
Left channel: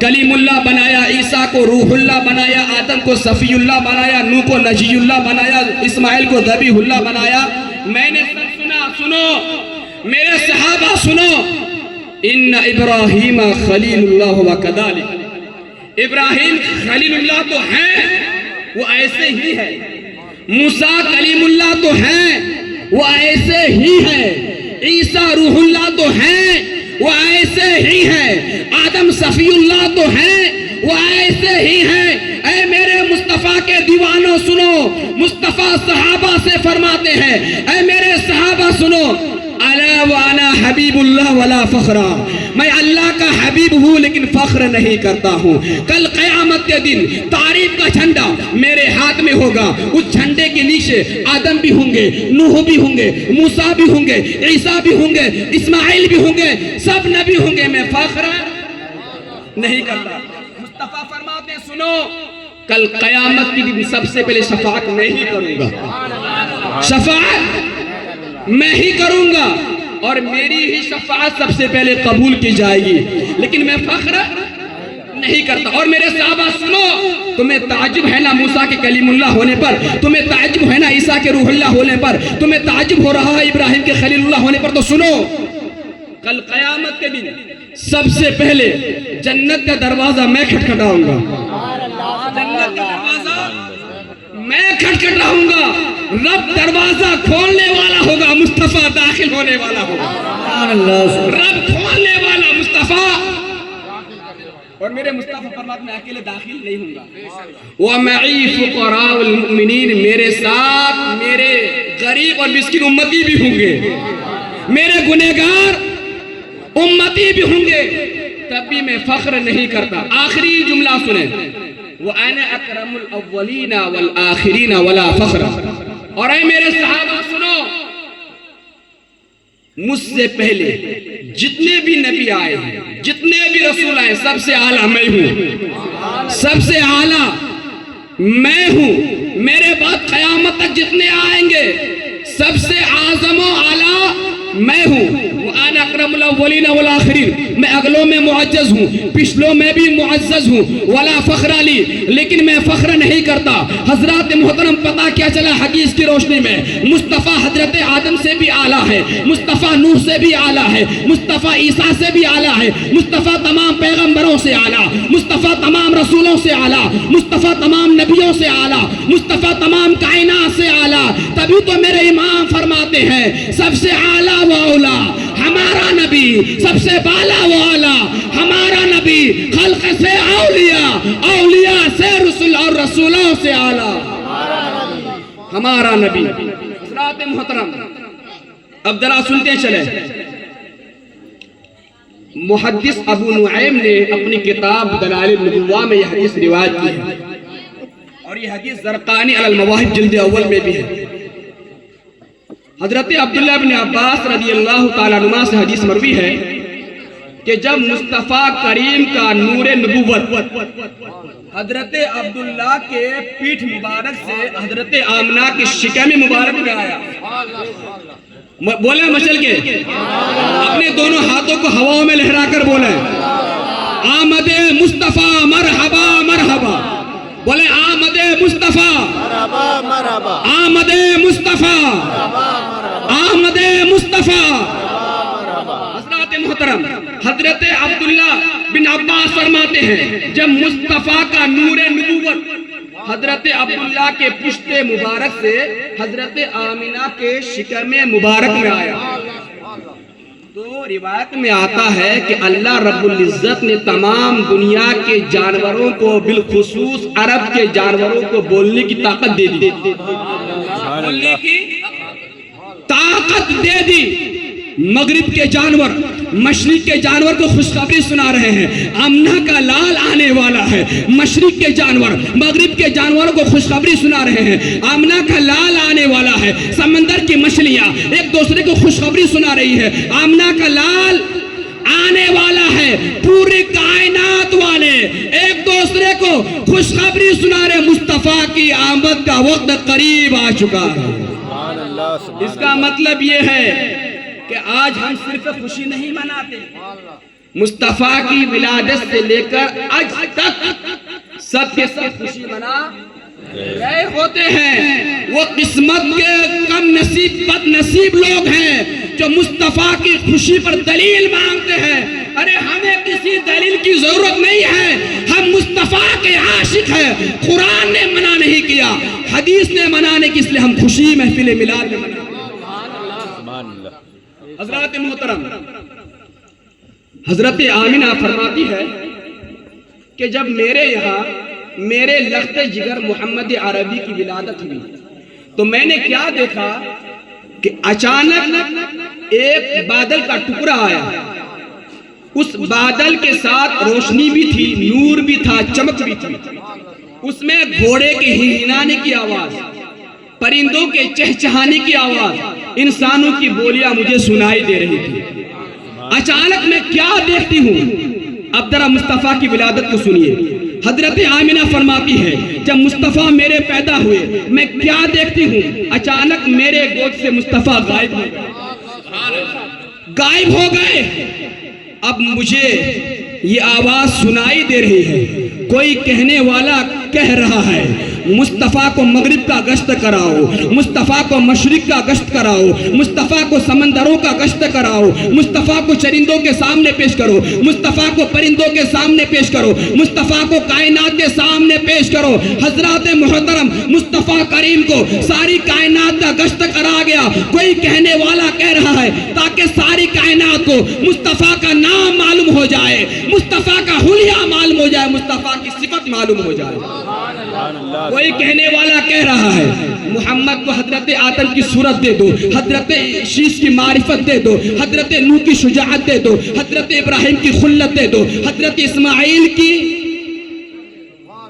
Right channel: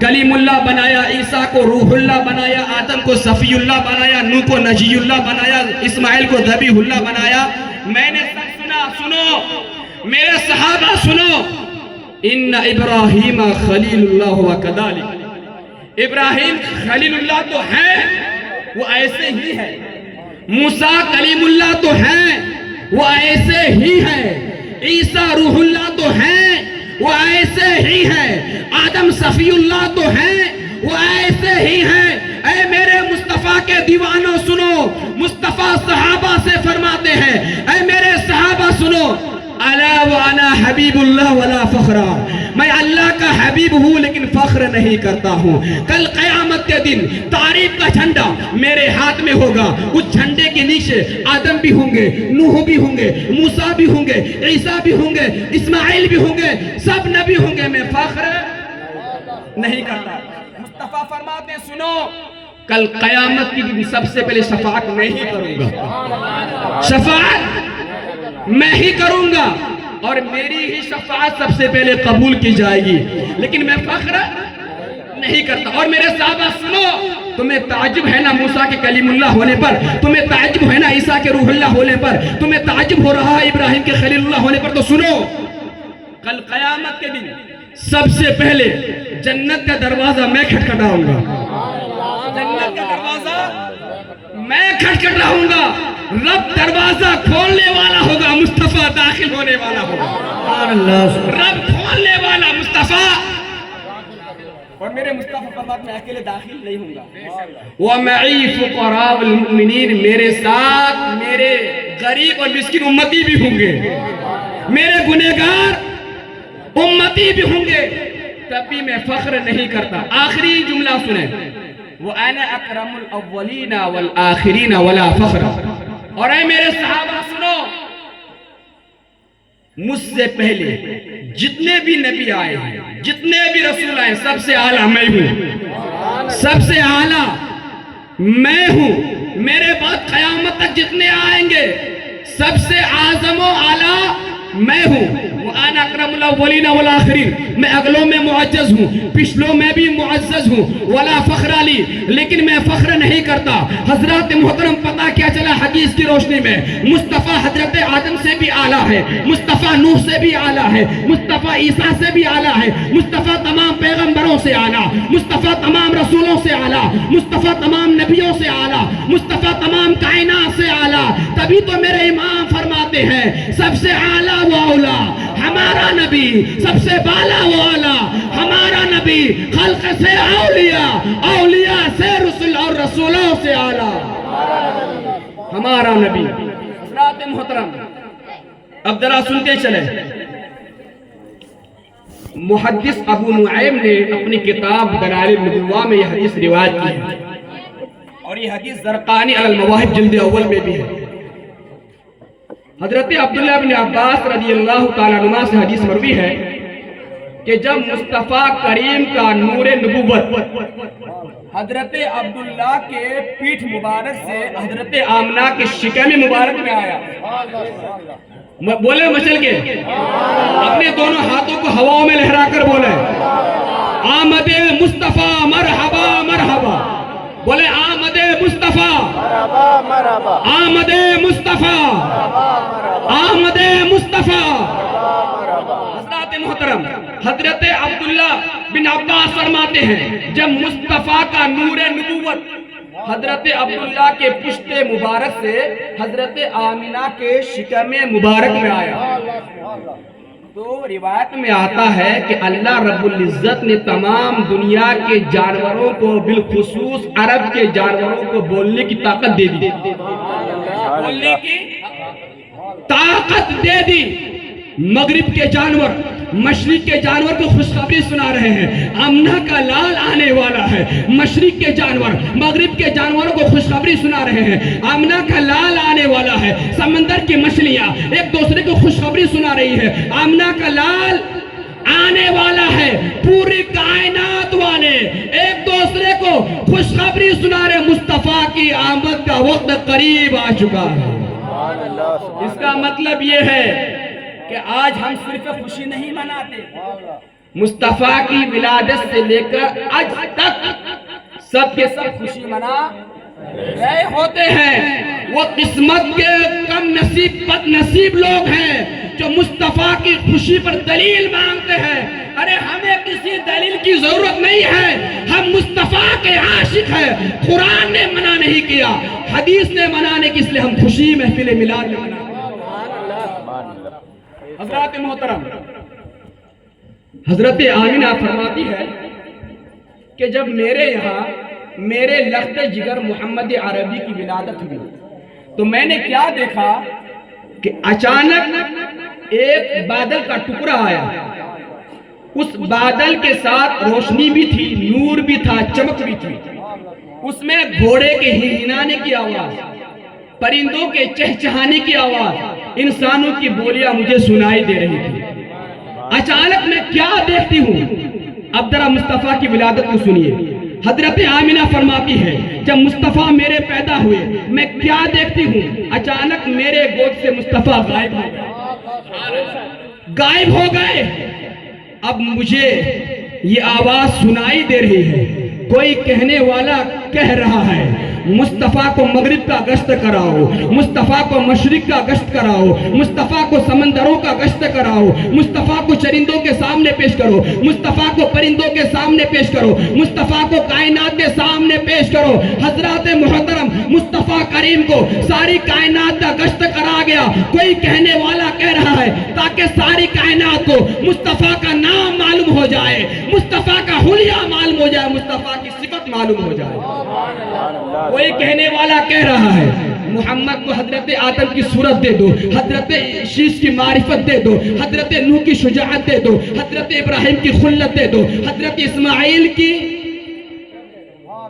کلیم اللہ بنایا، عیسیٰ کو روح اللہ بنایا، آدم کو صفی اللہ بنایا، نوح کو نجی اللہ بنایا، اسماعیل کو ذبیح اللہ بنایا، میں نے سب سنا۔ سنو میرے صحابہ سنو، ان ابراہیم خلیل اللہ وکذالک، ابراہیم خلیل اللہ تو ہیں، وہ ایسے ہی ہے، موسیٰ کلیم اللہ تو ہیں، وہ ایسے ہی ہے، عیسیٰ روح اللہ تو ہیں، وہ ایسے ہی ہے، آدم صفی اللہ تو ہیں، وہ ایسے ہی ہیں۔ اے میرے مصطفیٰ کے دیوانوں سنو، مصطفیٰ صحابہ سے فرماتے ہیں، اے میرے صحابہ سنو، الا وانا حبیب اللہ ولا فخرا، میں اللہ کا حبیب ہوں لیکن فخر نہیں کرتا ہوں۔ کل قیامت کے دن تعریف کا جھنڈا میرے ہاتھ میں ہوگا، اس جھنڈے کے نیچے آدم بھی ہوں گے، نوح بھی ہوں گے، موسیٰ بھی ہوں گے، عیسیٰ بھی ہوں گے، اسماعیل بھی ہوں گے، سب نبی ہوں گے، میں فخر نہیں کرتا۔ مصطفیٰ فرماتے ہیں سنو، کل قیامت کے دن سب سے پہلے شفاعت میں ہی کروں گا، شفاعت میں ہی کروں گا، اور میری ہی شفاعت سب سے پہلے قبول کی جائے گی، لیکن میں فخر نہیں کرتا۔ اور میرے صحابہ سنو، تمہیں تعجب ہے نا موسیٰ کے کلیم اللہ ہونے پر، تمہیں تعجب ہے نا عیسیٰ کے روح اللہ ہونے پر، تمہیں تعجب ہو رہا ہے ابراہیم کے خلیل اللہ ہونے پر، تو سنو، کل قیامت کے دن سب سے پہلے جنت کا دروازہ میں کھٹکھٹاؤں گا، جنت کا دروازہ میں کھٹکھٹاؤں گا، رب دروازہ کھولنے والا ہوگا، مصطفیٰ داخل ہونے والا ہوگا، رب کھولنے والا مصطفیٰ، اور میرے مصطفیٰ فرماتے میں اکیلے داخل نہیں ہوں گا، وَمَعِي فُقَرَاءُ الْمُؤْمِنِينَ، میرے ساتھ میرے غریب اور مسکین امتی بھی ہوں گے، میرے گنہگار امتی بھی ہوں گے، تب بھی میں فخر نہیں کرتا۔ آخری جملہ سنیں، وَأَنَا أَكْرَمُ الْأَوَّلِينَ وَالْآخِرِينَ وَلَا فَخْرَ، اور اے میرے صحابہ سنو، مجھ سے پہلے جتنے بھی نبی آئے ہیں، جتنے بھی رسول آئے، سب سے اعلیٰ میں ہوں، سب سے اعلیٰ میں ہوں، میرے بعد قیامت تک جتنے آئیں گے سب سے اعظم و اعلیٰ میں ہوں۔ وَأَنَا أَكْرَمُ الْأَوَّلِينَ وَالْآخِرِينَ، میں اگلوں میں معزز ہوں، پچھلوں میں بھی معزز ہوں، وَلَا فَخْرَ لِي، لیکن میں فخر نہیں کرتا۔ حضرات محترم پتہ کیا چلا حدیث کی روشنی میں؟ مصطفیٰ حضرت آدم سے بھی اعلیٰ ہے، مصطفیٰ نوح سے بھی اعلیٰ ہے، مصطفیٰ عیسیٰ سے بھی اعلیٰ ہے، مصطفیٰ تمام پیغمبروں سے اعلیٰ، مصطفیٰ تمام رسولوں سے اعلیٰ، مصطفیٰ تمام نبیوں سے اعلیٰ، مصطفیٰ تمام کائنات سے اعلیٰ۔ تبھی تو میرے امام فرماتے ہیں سب سے اعلیٰ و اولیٰ ہمارا نبی، سب سے بالا و اعلیٰ ہمارا نبی، خلق سے اولیاء، اولیاء سے رسول اور رسولوں سے اعلیٰ ہمارا نبی۔ حضرات محترم، اب ذرا سنتے چلیں۔ محدث ابو نعیم نے اپنی کتاب دلائل النبوہ میں یہ حدیث روایت کی ہے، اور یہ حدیث زرقانی علی المواہب جلد اول میں بھی ہے۔ حضرت عبداللہ بن عباس رضی اللہ تعالیٰ عنہ سے حدیث مروی ہے کہ جب مصطفیٰ کریم کا نور نبوت حضرت عبداللہ کے پیٹھ مبارک سے حضرت آمنہ کے شکم مبارک میں آیا، بولے مچل کے اپنے دونوں ہاتھوں کو ہواؤں میں لہرا کر بولے آمد مصطفیٰ مرحبا مرحبا، بولے آمد مصطفیٰ مرحبا مرحبا، آمد مصطفیٰ آمد مصطفیٰ۔ حضرات محترم، حضرت عبداللہ بن عباس فرماتے ہیں جب مصطفیٰ کا نور نبوت حضرت عبداللہ کے پشت مبارک سے حضرت آمنہ کے شکم مبارک میں آیا، تو روایت میں آتا ہے کہ اللہ رب العزت نے تمام دنیا کے جانوروں کو بالخصوص عرب کے جانوروں کو بولنے کی طاقت دے دی، بولنے کی طاقت دے دی۔ مغرب کے جانور مشرق کے جانور کو خوشخبری سنا رہے ہیں، آمنہ کا لال آنے والا ہے۔ مشرق کے جانور مغرب کے جانوروں کو خوشخبری سنا رہے ہیں، آمنہ کا لال آنے والا ہے۔ سمندر کی مچھلیاں ایک دوسرے کو خوشخبری سنا رہی ہے، آمنہ کا لال آنے والا ہے۔ پوری کائنات والے ایک دوسرے کو خوشخبری سنا رہے، مصطفیٰ کی آمد کا وقت قریب آ چکا ہے۔ اس کا مطلب یہ ہے کہ آج ہم صرف خوشی نہیں مناتے، مصطفیٰ کی ولادت سے لے کر آج تک سب کے سب خوشی منا رہے ہوتے ہیں۔ وہ قسمت کے کم نصیب بد نصیب لوگ ہیں جو مصطفیٰ کی خوشی پر دلیل مانگتے ہیں۔ ارے ہمیں کسی دلیل کی ضرورت نہیں ہے، ہم مصطفیٰ کے عاشق ہیں۔ قرآن نے منع نہیں کیا، حدیث نے منع نہیں کی، اس لیے ہم خوشی محفل میلاد میں مناتے ہیں۔ حضرات محترم، حضرت آمنہ فرماتی ہے کہ جب میرے یہاں میرے لخت جگر محمد عربی کی ولادت ہوئی تو میں نے کیا دیکھا کہ اچانک ایک بادل کا ٹکڑا آیا، اس بادل کے ساتھ روشنی بھی تھی، نور بھی تھا، چمک بھی تھی۔ اس میں گھوڑے کے ہنہنانے کی آواز، پرندوں کے چہچہانے کی آواز، انسانوں کی بولیاں مجھے سنائی دے رہی تھی۔ اچانک میں کیا دیکھتی ہوں؟ اب ذرا مصطفیٰ کی ولادت کو سنیے۔ حضرت آمنہ فرماتی ہے جب مصطفیٰ میرے پیدا ہوئے میں کیا دیکھتی ہوں؟ اچانک میرے گود سے مصطفیٰ غائب ہو گئے، غائب ہو گئے۔ اب مجھے یہ آواز سنائی دے رہی ہے، کوئی کہنے والا کہہ رہا ہے مصطفیٰ کو مغرب کا گشت کراؤ، مصطفیٰ کو مشرق کا گشت کراؤ، مصطفیٰ کو سمندروں کا گشت کراؤ، مصطفیٰ کو چرندوں کے سامنے پیش کرو، مصطفیٰ کو پرندوں کے سامنے پیش کرو، مصطفیٰ کو کائنات کے سامنے پیش کرو۔ حضرات محترم، مصطفیٰ کریم کو ساری کائنات کا گشت کرا گیا۔ کوئی کہنے والا کہہ رہا ہے تاکہ ساری کائنات کو مصطفیٰ کا نام معلوم ہو جائے، مصطفیٰ کا حلیہ معلوم ہو جائے، مصطفیٰ کی صفت معلوم ہو جائے۔ کوئی کہنے والا کہہ رہا ہے محمد کو حضرت آدم کی صورت دے دو، حضرت شیش کی معرفت دے دو، حضرت نوح کی شجاعت دے دو، حضرت ابراہیم کی خلت دے دو، حضرت اسماعیل کی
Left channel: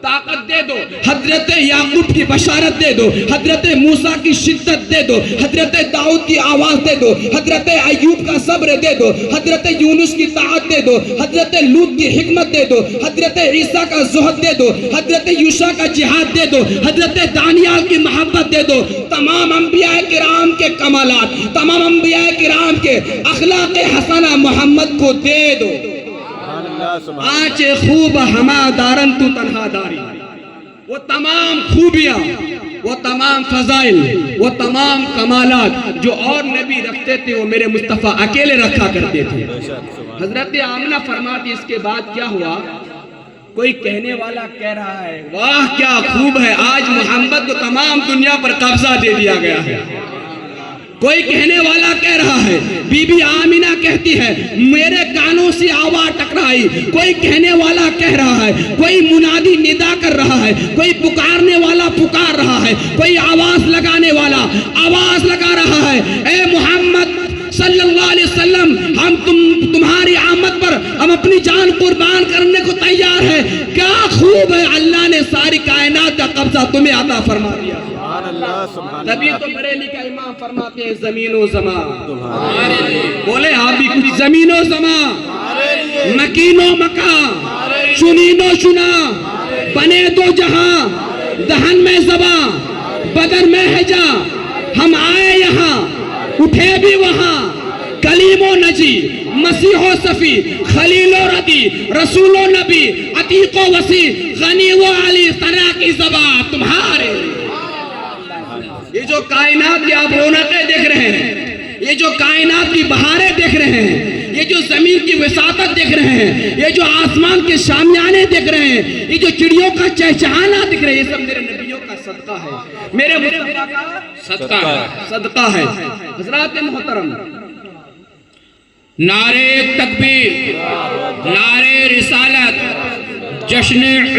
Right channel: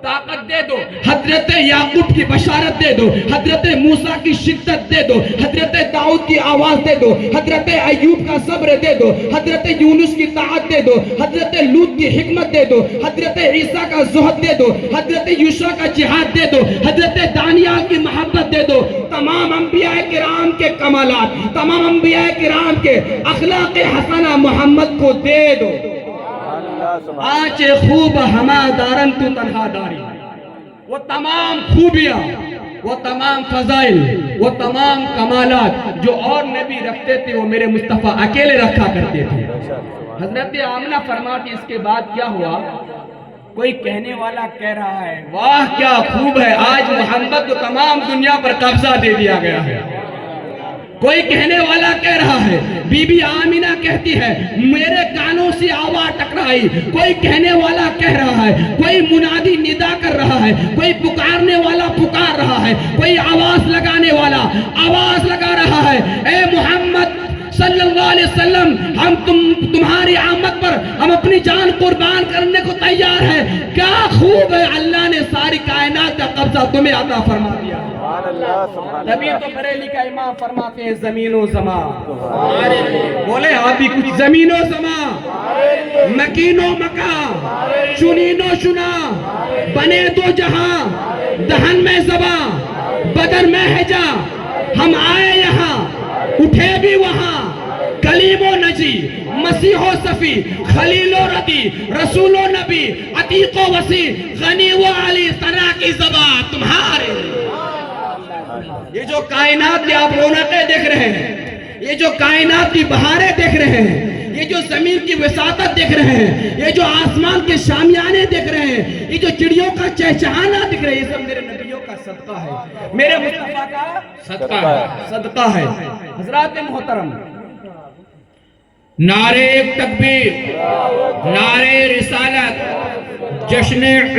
طاقت دے دو، حضرت یعقوب کی بشارت دے دو، حضرت موسیٰ کی شدت دے دو، حضرت داؤد کی آواز دے دو، حضرت ایوب کا صبر دے دو، حضرت یونس کی طاعت دے دو، حضرت لوط کی حکمت دے دو، حضرت عیسیٰ کا زہد دے دو، حضرت یوشع کا جہاد دے دو، حضرت دانیال کی محبت دے دو۔ تمام انبیاء کرام کے کمالات، تمام انبیاء کرام کے اخلاق حسنہ محمد کو دے دو۔ آنچے خوب ہما دارن تو تنہا داری، وہ تمام خوبیاں، وہ تمام فضائل، وہ تمام کمالات جو اور نبی رکھتے تھے وہ میرے مصطفیٰ اکیلے رکھا کرتے تھے۔ حضرت آمنہ فرماتی اس کے بعد کیا ہوا؟ کوئی کہنے والا کہہ رہا ہے واہ کیا خوب ہے، آج محمد کو تمام دنیا پر قبضہ دے دیا گیا ہے۔ کوئی کہنے والا کہہ رہا ہے، بی بی آمینہ کہتی ہے میرے کانوں سے آواز ٹکرائی، کوئی کہنے والا کہہ رہا ہے، کوئی منادی ندا کر رہا ہے، کوئی پکارنے والا پکار رہا ہے، کوئی آواز لگانے والا آواز لگا رہا ہے، اے محمد صلی اللہ علیہ وسلم، ہم تمہاری آمد پر ہم اپنی جان قربان کرنے کو تیار ہے۔ کیا خوب ہے، اللہ نے ساری کائنات کا قبضہ تمہیں عطا فرما دیا۔ سبحان اللہ سبحان نبی اللہ تو بریلی کا امام فرماتے ہیں زمین و زمان، بولے آپ بھی کچھ، زمین و زمان، مکین و مکان، چنین و چنا، بنے دو جہاں، دہن میں زباں، بدن میں حجا، ہم آئے یہاں اٹھے بھی وہاں، کلیم و نجی، مسیح و صفی، خلیل و ردی، رسول و نبی، عتیق و وسیع، غنی و علی، طرح کی زبان تمہارے۔ یہ جو کائنات کی آپ رونقیں دیکھ رہے ہیں، یہ جو کائنات کی بہاریں دیکھ رہے ہیں، یہ جو زمین کی وساطت دیکھ رہے ہیں، یہ جو آسمان کے شامیانے دیکھ رہے ہیں، یہ جو چڑیوں کا چہچہانا دیکھ رہے ہیں، یہ سب میرے نبیوں کا صدقہ ہے، میرے مصطفیٰ کا صدقہ ہے۔ حضرات محترم، نعرہ تکبیر، نعرہ رسالت، جشن عید